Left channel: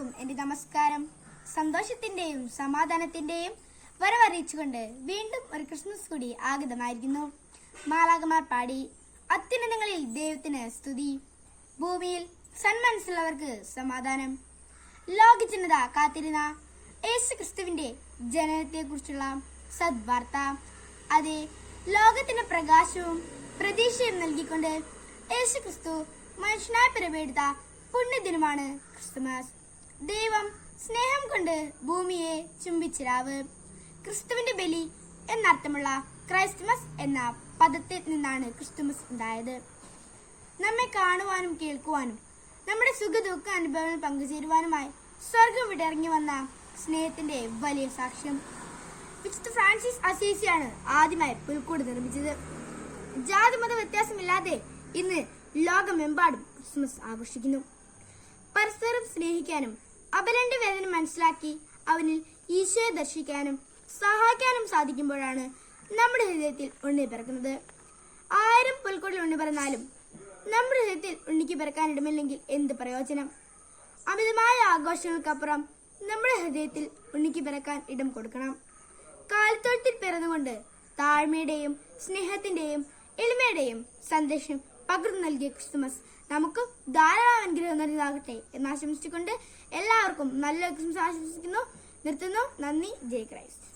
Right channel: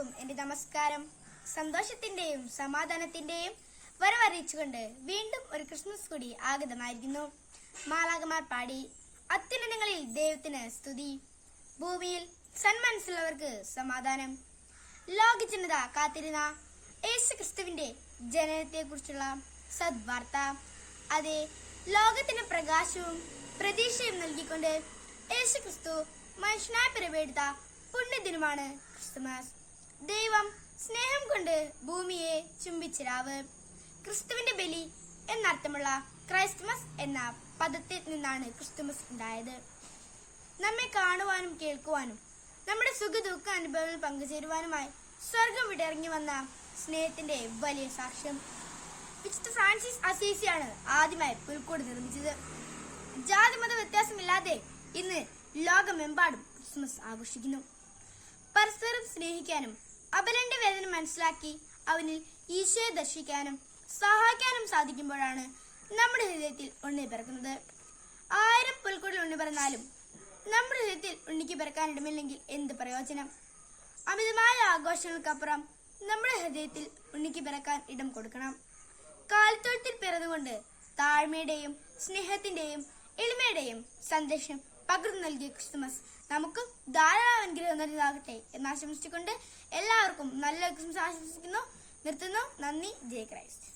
എല്ലാവർക്കും എന്റെ നമസ്കാരം. സന്തോഷത്തിന്റെയും സമാധാനത്തിന്റെയും വരവറിയിച്ചുകൊണ്ട് വീണ്ടും ഒരു ക്രിസ്മസ് കൂടി ആഗതമായിരിക്കുന്നു. മാലാകമാർ പാടി അത്യുന്നതങ്ങളിൽ ദൈവത്തിന് സ്തുതി. ഭൂമിയിൽ സന്മനസ്സുള്ളവർക്ക് സമാധാനം. ലോക ജനത കാത്തിരുന്ന യേശു ക്രിസ്തുവിന്റെ ജനനത്തെക്കുറിച്ചുള്ള സദ്വാർത്ത. അതെ ലോകത്തിന് പ്രകാശവും പ്രതീക്ഷയും നൽകിക്കൊണ്ട് യേശു ക്രിസ്തു മനുഷ്യനായി പിറവെടുത്ത പുണ്യദിനമാണ് ക്രിസ്തുമസ് ദൈവം സ്നേഹം കൊണ്ട് ഭൂമിയെ ചുംബിച്ചിരാവ് ക്രിസ്തുവിന്റെ ബലി എന്നർത്ഥമുള്ള ക്രൈസ്മസ് എന്ന പദത്തിൽ നിന്നാണ് ക്രിസ്തുമസ് ഉണ്ടായത്. നമ്മെ കാണുവാനും കേൾക്കുവാനും നമ്മുടെ സുഖ ദുഃഖ അനുഭവങ്ങൾ പങ്കുചേരുവാനുമായി സ്വർഗം വിടിറങ്ങി വന്ന സ്നേഹത്തിന്റെ വലിയ സാക്ഷ്യം. വിശുദ്ധ ഫ്രാൻസിസ് അസീസിയാണ് ആദ്യമായി പുൽക്കൂട് നിർമ്മിച്ചത്. ജാതിമത വ്യത്യാസമില്ലാതെ ഇന്ന് ലോകമെമ്പാടും ക്രിസ്മസ് ആഘോഷിക്കുന്നു. പരസ്പരം സ്നേഹിക്കാനും അപരന്റെ വേദന മനസ്സിലാക്കി അവനിൽ ഈശോയെ ദർശിക്കാനും സഹായിക്കാനും സാധിക്കുമ്പോഴാണ് നമ്മുടെ ഹൃദയത്തിൽ ഉണ്ണി പിറക്കുന്നത്. ആയിരം പുൽക്കൂടിൽ ഉണ്ണി പിറന്നാലും നമ്മുടെ ഹൃദയത്തിൽ ഉണ്ണിക്ക് പിറക്കാനിടമില്ലെങ്കിൽ എന്ത് പ്രയോജനം? അമിതമായ ആഘോഷങ്ങൾക്കപ്പുറം നമ്മുടെ ഹൃദയത്തിൽ ഉണ്ണിക്ക് പിറക്കാൻ ഇടം കൊടുക്കണം. കാലത്തോട്ടത്തിൽ പിറന്നുകൊണ്ട് താഴ്മയുടെയും സ്നേഹത്തിന്റെയും എളിമയുടെയും സന്ദേശം പകർന്നു നൽകിയ ക്രിസ്തുമസ്. നമുക്ക് ധാരാളം അനുഗ്രഹം നൽകാകട്ടെ എന്ന് ആശംസിച്ചുകൊണ്ട് എല്ലാവർക്കും നല്ല ക്രിസ്മസ് ആശംസിക്കുന്നു. നിർത്തുന്നു. നന്ദി. ജയ് ക്രൈസ്റ്റ്.